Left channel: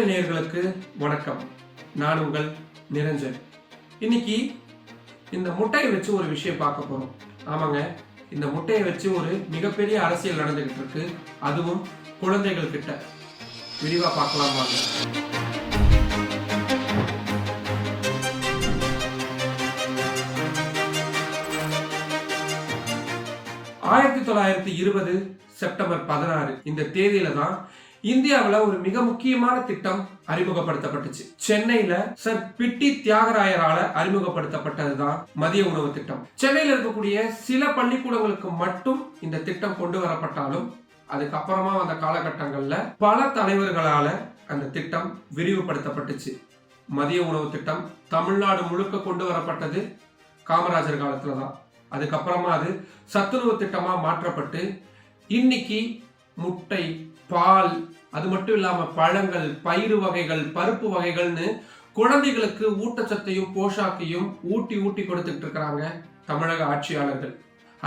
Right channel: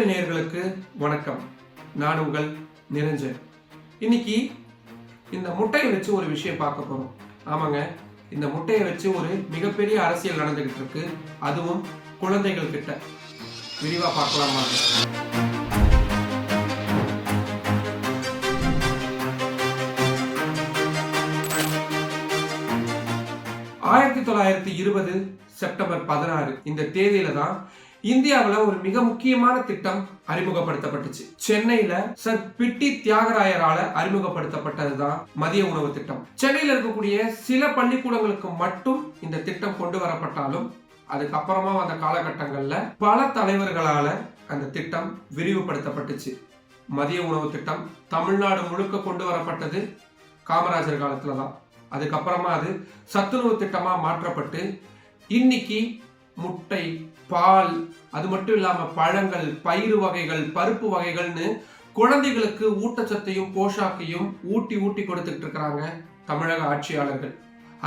நிரஞ்சன் நேயர்களுக்கு வணக்கம். நான் உங்கள் நிரஞ்சன். இன்னைக்கு இந்த முட்டையை வச்சு ஒரு விஷயம் பார்க்க போறோம். ஆமாங்க, இந்த முட்டையை வச்சு ஒரு மிகப்பெரிய அரசியல் நடந்துகிட்டு இருக்கு. அதுவும் குழந்தைகள் கிட்ட. விரிவா பார்க்கலாமா? 1920 செப்டம்பர் 16 இந்த தேதியில தான் இந்தியாவில் ஒரு மிக முக்கியமான திட்டம் அறிமுகப்படுத்தப்பட்டுச்சு. சென்னையில சர் பிட்டி தியாகராயரால அறிமுகப்படுத்தப்பட்டதுதான் மதிய உணவு திட்டம். சென்னையில் இருக்கக்கூடிய சில பள்ளிக்கூடங்களுக்கு மட்டும் இந்த திட்டம் கொண்டு வரப்பட்டாலும் அதுக்கப்புறமா வந்த காலகட்டங்கள்ல பல தலைவர்களால அந்த திட்டம் விரிவுபடுத்தப்பட்டுச்சு. மதிய உணவு திட்டம் தமிழ்நாடு முழுக்க கொண்டு வரப்பட்டது காமராஜர் காலத்துலதான். அதுக்கப்புறமா அது சத்துணவு திட்டமா மாற்றப்பட்டு இன்னைக்கு முட்டை, பால், அது மட்டும் இல்லாம பழங்கள், பயிறு வகைகள், பருப்பு வகைகள்னு குழந்தைகளுக்கு ஊட்டச்சத்தையும் போஷாக்கையும் ஊட்டி கொடுத்துட்டு இருக்கிறாங்க தமிழக ஆட்சியாளர்கள்.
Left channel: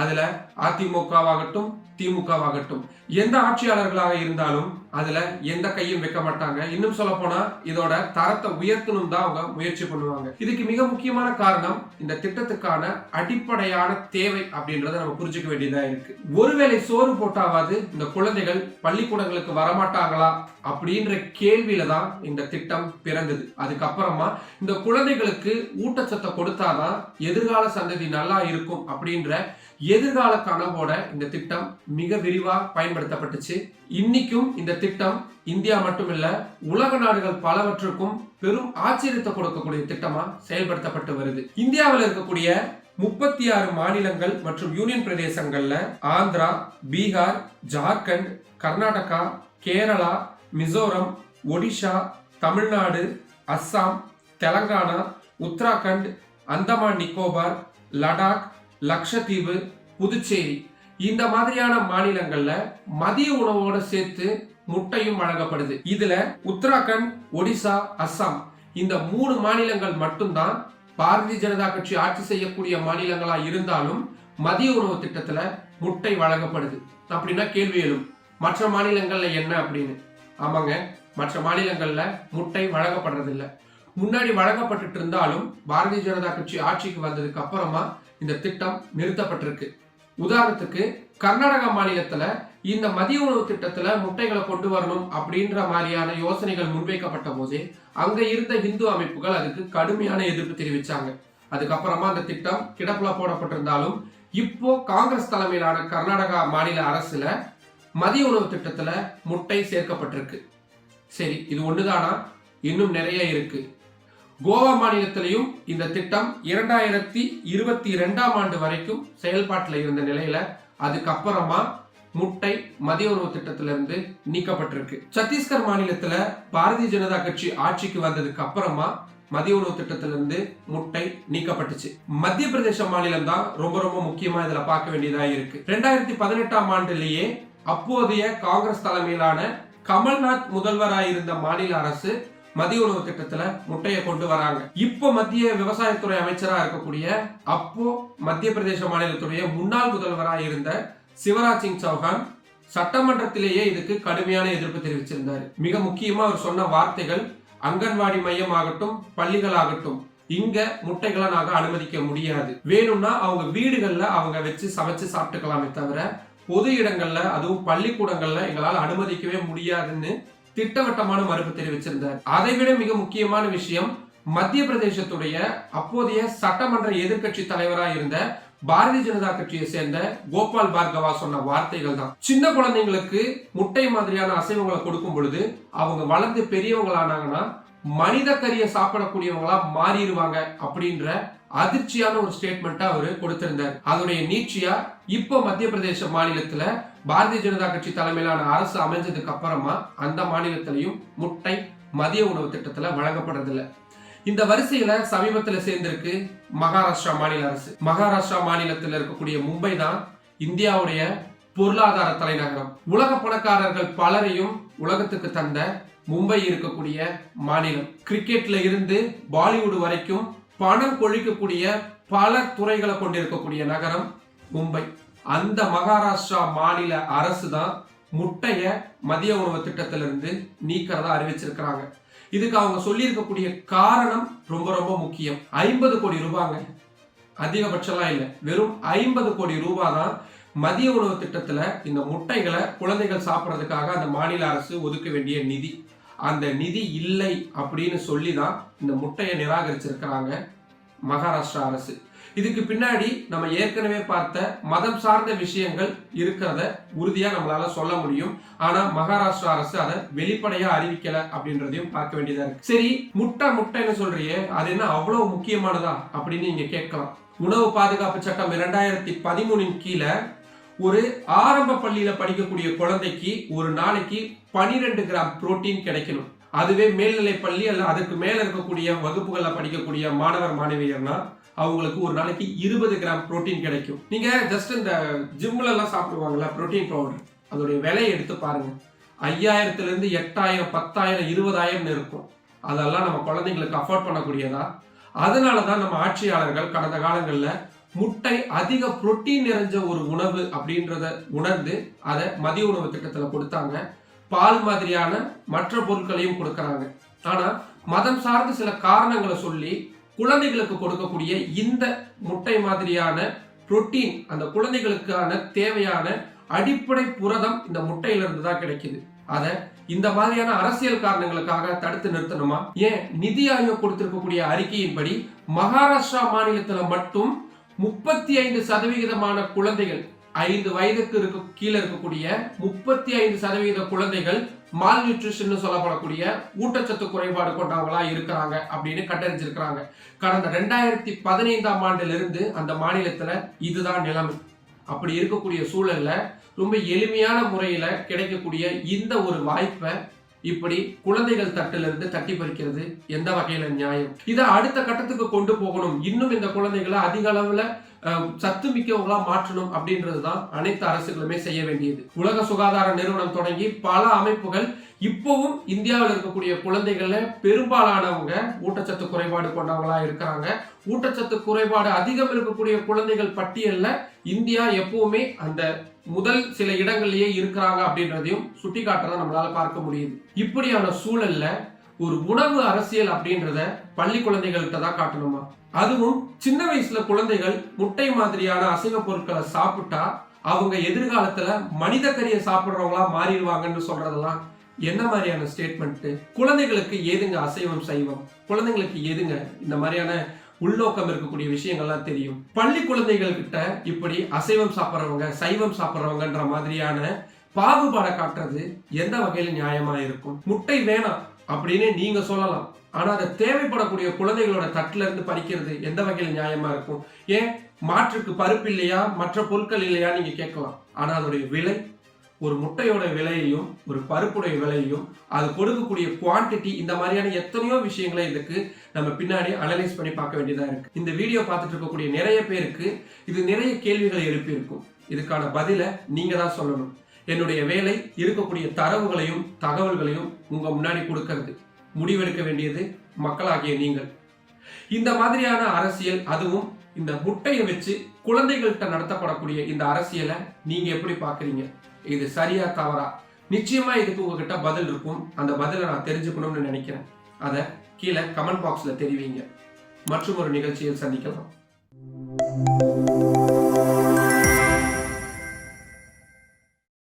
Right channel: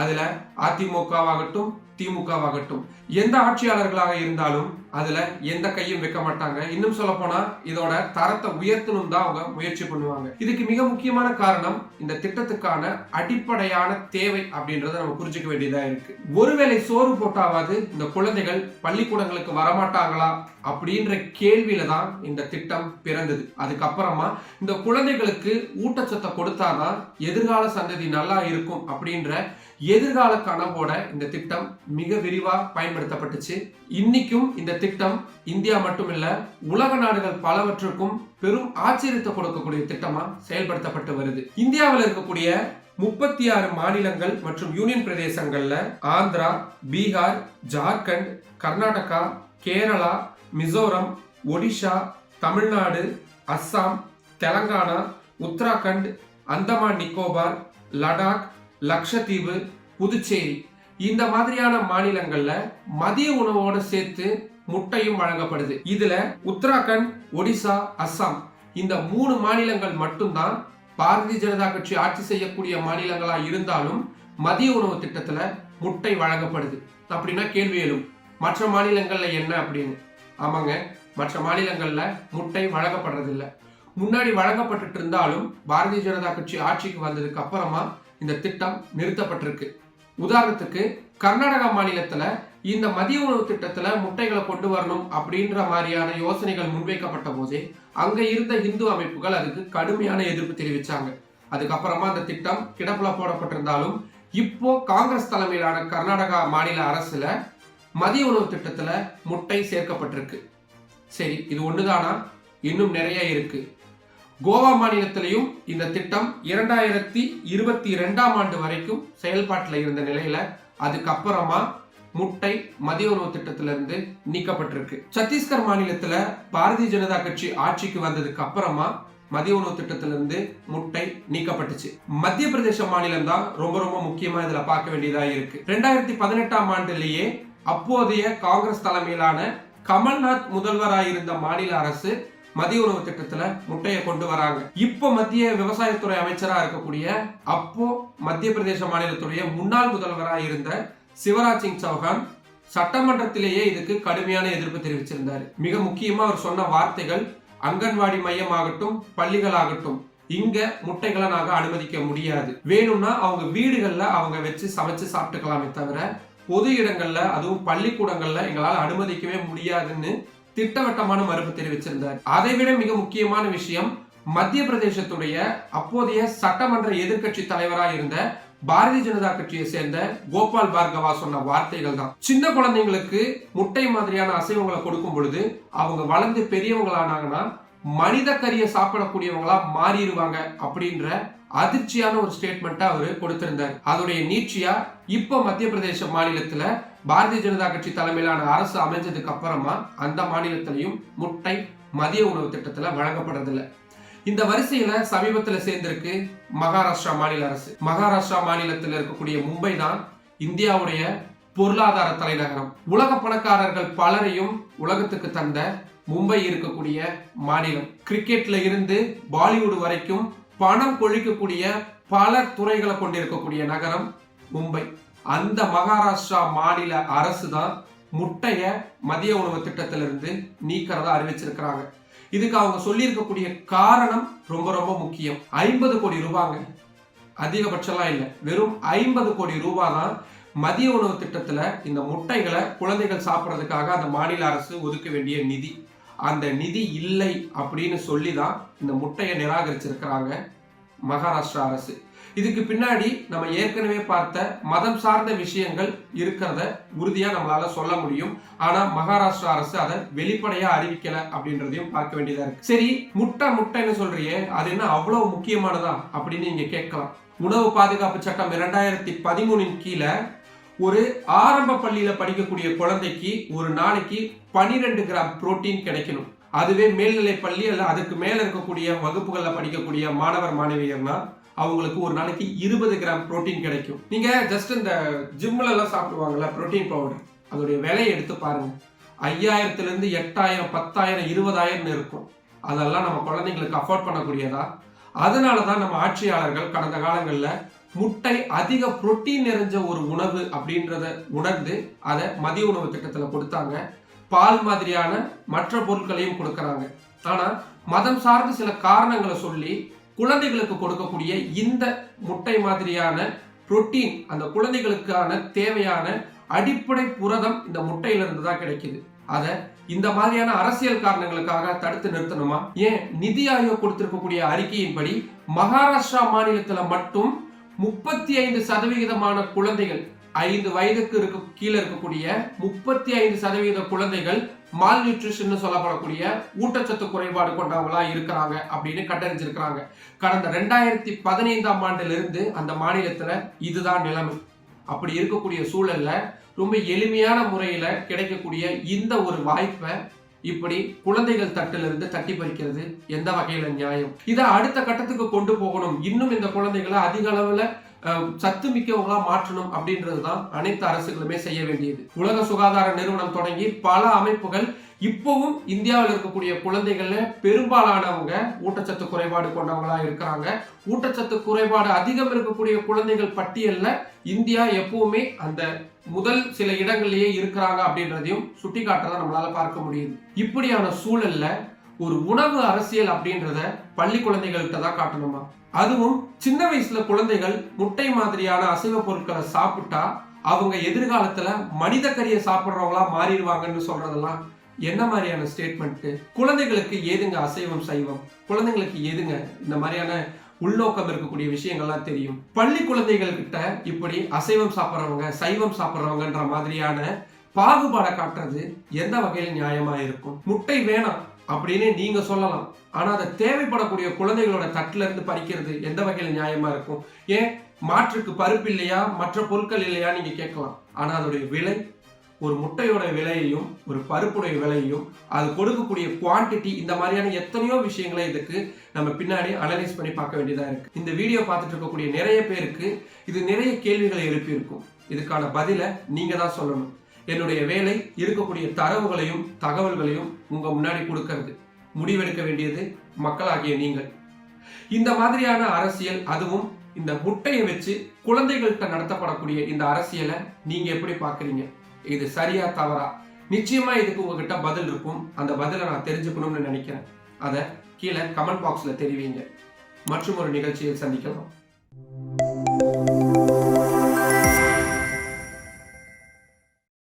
அதுல அதிமுகவாகட்டும் திமுகவாகட்டும் எந்த ஆட்சியாளர்களாக இருந்தாலும் அதுல எந்த கையும் வைக்க மாட்டாங்க. இன்னும் சொல்ல போனா இதோட தரத்தை உயர்த்தணும் தான் அவங்க முயற்சி பண்ணுவாங்க. இதுக்கு மிக முக்கியமான காரணம் இந்த திட்டத்துக்கான அடிப்படையான தேவை அப்படின்றத நம்ம புரிஞ்சுக்க வேண்டியதா இருக்கு. ஒருவேளை சோறு போட்டாவது இந்த குழந்தைகள் பள்ளிக்கூடங்களுக்கு வரமாட்டாங்களா அப்படின்ற கேள்வியில தான் இந்த திட்டம் பிறந்தது. அதுக்கப்புறமா இந்த குழந்தைகளுக்கு ஊட்டச்சத்தை கொடுத்தாதான் எதிர்கால சந்ததி நல்லா இருக்கும் அப்படின்ற எதிர்கால கனவோட இந்த திட்டம் மிக விரிவா பயன்படுத்தப்பட்டுச்சு. இன்னைக்கும் இந்த திட்டம் இந்தியா மட்டுமில்ல உலக நாடுகள் பலவற்றுக்கும் பெரும் ஆச்சரியத்தை கொடுக்கக்கூடிய திட்டமா செயல்படுத்தப்பட்டு வருது. இந்தியாவில் இருக்கக்கூடிய 36 மாநிலங்கள் மற்றும் யூனியன் பிரதேசங்கள்ல ஆந்திரா, பீகார், ஜார்க்கண்ட், கர்நாடகா, கேரளா, மிசோரம், ஒடிஷா, தமிழ்நாடு, அஸ்ஸாம், தெலங்கானா, உத்தராகண்ட், அந்தமான் நிக்கோபார், லடாக், லட்சத்தீவு, புதுச்சேரி இந்த மாதிரியான மாநிலங்கள்ல மதிய உணவோடு சேர்த்து முட்டையும் வழங்கப்படுது. இதுல உத்தராகண்ட், ஒடிசா, அஸ்ஸாம் இந்த 3 மாநிலங்கள் மட்டும்தான் பாரதிய ஜனதா கட்சி ஆட்சி செய்யக்கூடிய மாநிலங்களா இருந்தாலும் மதிய உணவு திட்டத்துல முட்டை வழங்கப்படுது. அப்படின்னா கேள்வி எழும், மற்ற மாநிலங்கள்ல என்ன அப்படின்னு. ஆமாங்க, மற்ற மாநிலங்கள்ல முட்டை வழங்கப்படுறதில்லை. முன்னாடி வழங்கப்பட்டு இருந்தாலும் பாரதிய ஜனதா கட்சி ஆட்சிக்கு வந்ததுக்கு அப்புறமா இந்த திட்டம் நிறுத்தப்பட்டிருக்கு. உதாரணத்துக்கு கர்நாடகா மாநிலத்துல இந்த மதிய உணவு திட்டத்துல முட்டைகளை கொண்டு வரணும் அப்படின்ற மாதிரியான யோசனைகள் முன்வைக்கப்பட்ட போதே அங்க இருந்த இந்து அமைப்புகள் அதுக்கு கடுமையான எதிர்ப்பு தெரிவிச்சாங்க. அதுக்கப்புறமா அந்த திட்டம் கிடப்புல போடப்பட்டிருந்தாலும் இப்போ காங்கிரஸ் தலைமையிலான கர்நாடகா மாநில அரசுல மதிய உணவு திட்டத்துல முட்டை சேர்க்கப்பட்டிருக்கு. சரி, இது ஒண்ணுதானா? இன்னும் நிறைய இருக்கு. கோவா மாநிலத்திலையும் இந்த திட்டம் 2022ஆம் ஆண்டு வரைக்கும் செயல்பாட்டில் இருந்த நிலையில அதுக்கப்புறமா முட்டை மதிய உணவு திட்டத்திலிருந்து நீக்கப்பட்டிருக்கு. சத்தீஸ்கர் மாநிலத்துல பாரதிய ஜனதா கட்சி ஆட்சிக்கு வந்ததுக்கு அப்புறமா மதிய உணவு திட்டத்திலிருந்து முட்டை நீக்கப்பட்டுச்சு. மத்திய பிரதேச மாநிலம் தான் ரொம்ப ரொம்ப முக்கியமா இதுல பார்க்க வேண்டியதா இருக்கு. 2018ஆம் ஆண்டுலேயே அப்போதைய காங்கிரஸ் தலைமையிலான கமல்நாத் முதல்வராயிருந்த மாநில அரசு மதிய உணவு திட்டத்துல முட்டையை கொண்டு வராங்க. இப்போ மத்திய விவசாயத்துறை அமைச்சரா இருக்கக்கூடிய அப்போ மத்திய பிரதேச மாநிலத்துடைய முன்னாள் முதல்வராக இருந்த சிவராஜ் சிங் சௌஹான் சட்டமன்றத்திலேயே இதுக்கு கடுமையான எதிர்ப்பு தெரிவிச்சிருந்தாரு. மிக முக்கியமா அவர் சொன்ன வார்த்தைகள், அங்கன்வாடி மையம் ஆகட்டும், பள்ளிகள் ஆகட்டும், இங்க முட்டைகளை நாங்க அனுமதிக்க முடியாது. வேணும்னா அவங்க வீடுகள்ல அவங்க வச்சு சமைச்சு சாப்பிட்டுக்கலாமே தவிர பொது இடங்கள்ல அதுவும் பள்ளிக்கூடங்கள்ல எங்களால் அனுமதிக்கவே முடியாதுன்னு திட்டவட்டமான மறுப்பு தெரிவிச்சிருந்தார். அதைவிட மிக முக்கியமான விஷயம், மத்திய பிரதேசத்துடைய அப்போதைய சட்டமன்ற எதிர்கட்சி தலைவராக இருந்த பாரதிய ஜனதா கட்சியை சேர்ந்த கோபால் பார்கவா சொன்ன வார்த்தைகள் தான். சின்ன குழந்தைங்களுக்கு முட்டை மாதிரியான அசைவங்களை கொடுக்கும் பொழுது அவங்க வளர்ந்து பெரியவங்களானாங்கன்னா மனித கறியை சாப்பிடக்கூடியவங்களா மாறிடுவாங்க அப்படின்ற அதிர்ச்சியான ஒரு ஸ்டேட்மெண்ட்டை அவரு கொடுத்திருந்தார். அதோடைய நீட்சியா இப்போ மத்திய பிரதேச மாநிலத்துல பாரதிய ஜனதா கட்சி தலைமையிலான அரசு அமைஞ்சதுக்கு அப்புறமா அந்த மாநிலத்திலையும் முட்டை மதிய உணவு திட்டத்துல வழங்கப்படுறதில்லை. இந்த வரிசையில சமீபத்துல சேர்ந்திருக்கு மகாராஷ்டிரா மாநில அரசு. மகாராஷ்டிரா மாநிலத்தில் இருக்கக்கூடிய மும்பை தான் இந்தியாவுடைய பொருளாதார தலைநகரம். உலக பணக்காரர்கள் பலரையும் உலகத்துக்கு தந்த மும்பை இருக்கக்கூடிய மாநிலம். கிரிக்கெட்ல இருந்து பாலிவுட் வரைக்கும் பணம் கொழிக்கக்கூடிய பல துறைகளை கொண்டிருக்கக்கூடிய நகரம் மும்பை. அந்த மகாராஷ்டிரா மாநில அரசு தான் முட்டைய மதிய உணவு திட்டத்திலிருந்து நீக்கிறதா அறிவிச்சிருக்கிறாங்க. இதுக்கு அவங்க சொல்லியிருக்கக்கூடிய காரணம் ரொம்ப ரொம்ப முக்கியம். 50 கோடி ரூபாங்க, அதிகபட்சம்லாம் இல்லை, வெறும் 50 கோடி ரூபாய் தான் மதிய உணவு திட்டத்துல இந்த முட்டைகளை குழந்தைகள் சாப்பிட்றதுக்காக அந்த மாநில அரசு ஒதுக்க வேண்டிய நிதி. அந்த நிதி இல்லை அப்படின்னு சொல்லி தான் இந்த முட்டையை நிராகரிச்சிருக்கிறாங்க மகாராஷ்டிரா அரசு. இதுக்கு பின்னாடி நம்ம ஏற்கனவே பார்த்த மதம் சார்ந்த விஷயங்கள் இருக்கிறத உறுதியா நம்மளால சொல்ல முடியும். ஆனா மகாராஷ்டிரா அரசு அதை வெளிப்படையா அறிவிக்கல அப்படின்றதையும் பார்க்க வேண்டியதா இருக்கு. சரி, முட்டைன்னு சொல்றியே, அது என்ன அவ்வளவு முக்கியமானதா அப்படின்னு நீங்க கேட்கலாம். உணவு பாதுகாப்பு சட்டம் 2013 கீழே ஒரு ஆரம்ப பள்ளியில படிக்கக்கூடிய குழந்தைக்கு ஒரு நாளைக்கு 12 கிராம் புரோட்டீன் கிடைக்கணும். அதுவே மேல்நிலை பள்ளி அல்ல அதுக்கு மேல இருக்கக்கூடிய வகுப்புகள்ல படிக்கக்கூடிய மாணவர் மாணவியர்னா அவங்களுக்கு ஒரு நாளைக்கு 20 கிராம் புரோட்டீன் கிடைக்கும். நீங்க ஜஸ்ட் இந்த ஜிம்ல எல்லாம் சாப்பிடுவாங்கல்ல புரோட்டீன் பவுடர், அதோடைய விலையை எடுத்து பாருங்க. 5000 இருந்து 8000, 10,000, 20,000 இருக்கும். அதெல்லாம் நம்ம குழந்தைங்களுக்கு அஃபோர்ட் பண்ணக்கூடியதா? அதனாலதான் நம்ம ஆட்சியாளர்கள் கடந்த காலங்களில் முட்டை அதிக புரோட்டீன் நிறைஞ்ச ஒரு உணவு அப்படின்றத உணர்ந்து அதை மதிய உணவு திட்டத்தில் கொடுத்தாங்க. பால் மாதிரியான மற்ற பொருட்களையும் கொடுக்கறாங்க. ஆனா மதம் சார்ந்து சில காரணங்களை சொல்லி குழந்தைகளுக்கு கொடுக்கக்கூடிய இந்த முட்டை மாதிரியான புரோட்டீன், அந்த குழந்தைகளுக்கான தேவையான அடிப்படை புரதம் இந்த முட்டையிலிருந்து தான் கிடைக்குது. அதை இந்த மாதிரியான அரசியல் காரணங்களுக்காக தடுத்து நிறுத்தணுமா? ஏன் நிதி ஆயோக் கொடுத்திருக்கக்கூடிய அறிக்கையின்படி மகாராஷ்டிரா மாநிலத்தில் மட்டும் 35% குழந்தைகள் 5 வயதுக்கு கீழே இருக்கக்கூடிய 35% குழந்தைகள் மால் நியூட்ரிஷன் சொல்லப்படக்கூடிய ஊட்டச்சத்து குறைபாடு கொண்டவங்களா இருக்கிறாங்க அப்படின்னு கண்டறிஞ்சிருக்கிறாங்க. கடந்த 2015ஆம் ஆண்டிலிருந்து அந்த மாநிலத்துல இதுதான் நிலைமை. அப்படி இருக்கக்கூடிய சூழல்ல ரொம்ப எளிமையான முறையில கிடைக்கக்கூடிய இந்த ஒரு வாய்ப்பை இப்படி குழந்தைகள் தட்டிலிருந்து தட்டி பறிக்கிறது எந்த வகையில நியாயம்? இதை அடுத்த கட்டத்துக்கு கொண்டு போகணும், இன்னும் இந்த குழந்தைகளை அதிக அளவுல சத்து மிக்கவங்களா மாற்றணும் அப்படின்றதுதான் அனைத்து அரசுகளுமே செய்ய வேண்டியது. உலக சுகாதார நிறுவனம் தொடங்கி பல அமைப்புகள் இப்பவும் இந்தியாவில் இருக்கக்கூடிய குழந்தைகள்ல பெரும்பாலானவங்க ஊட்டச்சத்து குறைபாடு கொண்டவங்களா இருக்கிறாங்க. ஊட்டச்சத்து குறைபாடு அதிகம் இருக்கக்கூடிய குழந்தைகள் பட்டியல்ல இந்தியா எப்பவுமே அந்த முதல் சில இடங்கள்லயே இருக்கிறாங்க அப்படின்றதையும் சுட்டி காட்டுறத நம்மளால பார்க்க முடியுது. இப்படியான சூழல்ல ஒரு உணவு அரசியல் அப்படின்றத பள்ளி குழந்தைகள்கிட்ட தான் காட்டணுமா? அதுவும் சின்ன வயசுல குழந்தைகள் முட்டை மாதிரியான அசைவ பொருட்களை சாப்பிட்டா அவங்க எதிர்காலத்துல மனித கறியை சாப்பிட்றவங்களா மாறிடுவாங்கன்னு சொல்றதெல்லாம் என்ன மாதிரியான ஸ்டேட்மெண்ட்? குழந்தைகளுக்கு ஏதுங்க அசைவம் சைவம்? குழந்தைங்களுக்கு ஏதுங்க இந்த மாதிரியான உள்நோக்கம் இருக்கக்கூடிய விஷயங்கள்லாம் தெரியும்? பள்ளி குழந்தைகள் கிட்ட இப்படி அசைவம் சாப்பிட்றவங்க சைவம் சாப்பிட்றவங்கன்ற மாதிரியான பாகுபாடை காட்டுறது எந்த வகையில நியாயமா இருக்கும்? முட்டை வேணாம் அப்படின்னு நீங்க சொல்லலாம், ஆனா அதை தேவைப்படக்கூடிய குழந்தைகளோட தட்டுல இருந்து பறிக்கிறது எந்த வகையில நியாயமா இருக்கும்? ஏன் மாற்றுக்கு பருப்பு இல்லையா, மற்ற பொருட்கள் இல்லையா நீங்க கேட்கலாம். ஆனா அதோடைய விலை, ஒரு முட்டையோட விலையையும் ஒரு பருப்புடைய விலையையும் அது கொடுக்கக்கூடிய குவான்டிட்டி, இந்த மாதிரியான எத்தனையோ விஷயங்களை இதுக்கு நம்ம பின்னாடி அனலைஸ் பண்ணி பார்க்க வேண்டியதா இருக்கு. இந்த வீடியோ பார்த்துட்டு இருக்கக்கூடிய நிறைய பேருக்கு இது நிறைய கேள்விகளை எழுப்பி இருக்கும். இதுக்கான பதிலை நீங்க தான் சொல்லணும். என்னுடைய வேலை இருக்கக்கூடிய தரவுகளையும் தகவல்களையும் உங்க முன்னாடி கொடுக்கிறது. முடிவெடுக்க வேண்டியது மக்களாகிய நீங்கள். இந்த மாதிரியான அரசியல், அதுவும் இந்த முட்டையை வச்சு குழந்தைகள்கிட்ட நடத்தப்படக்கூடிய இந்த அரசியலை நீங்க எப்படி பாக்குறீங்க? இது சரியா தவறா? நிச்சயமா இதுக்கு உங்ககிட்ட பதில் இருக்கும். அந்த பதிலை நான் தெரிஞ்சுக்கணும்னு நினைக்கிறேன். அதை கீழே கமெண்ட் பாக்ஸ்ல தெரிவிங்க. மற்றும் ஒரு நிகழ்ச்சியில் சந்திக்கலாம்.